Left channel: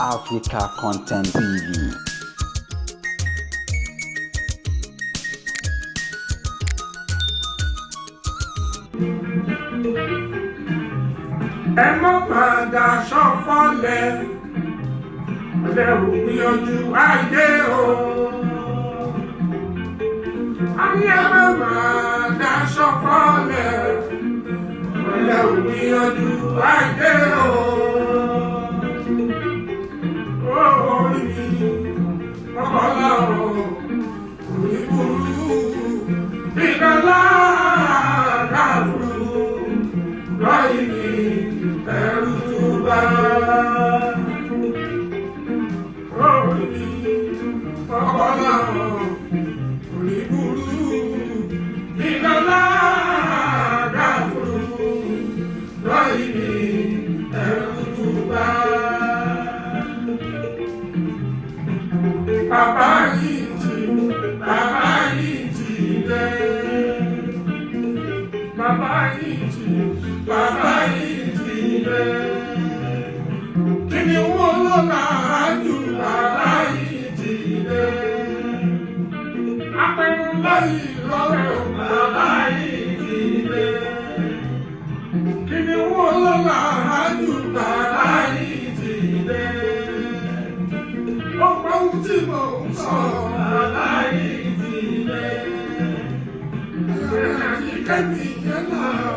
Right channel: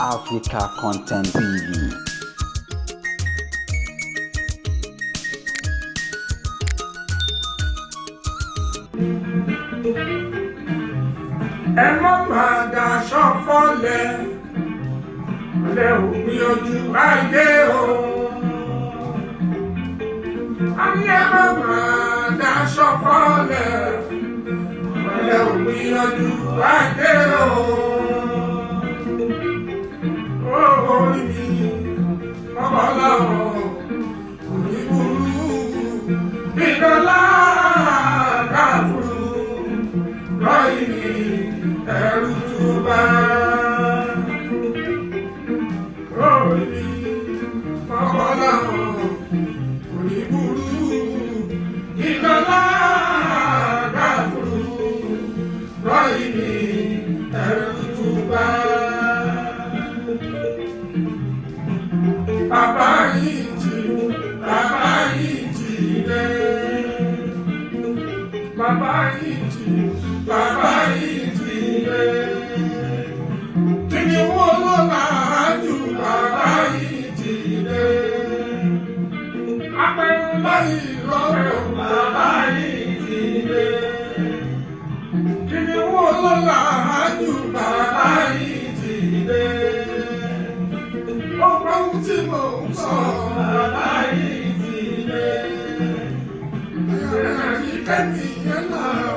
Africa Content TV. Ẹ má padà ṣọ̀fọ̀lẹ̀, ọ̀lẹ ò gbìyànjú ayé o. Ayé má padà ṣọ̀fọ̀lẹ̀, ọ̀lẹ ò gbìyànjú ayé o. Orí mi lọ́pọ̀lọ́ orí burú, ìdọ́lá dàbúrú, lọ́yìn mi ẹ̀rù túbà. Orí mi lọ́pọ̀lọ́ orí burú, ìdọ́lá dàbúrú, lọ́yìn mi ẹ̀rù túbà. Bàbá yìí jí dé. Bàbá yìí jí dé. Kíni wọ́n ló láàájú bàbá yìí jí dé. Apẹ̀rù lọ́yìn lọ́rọ̀ bàbá yìí jí dé. Kíni wọ́n ló láàájú bàbá yìí jí dé. Ọ̀pọ̀ ohun tí mò ń sọ bàbá yìí ti dé. Ayọ̀rẹ́ àti kẹ́mi yẹn náà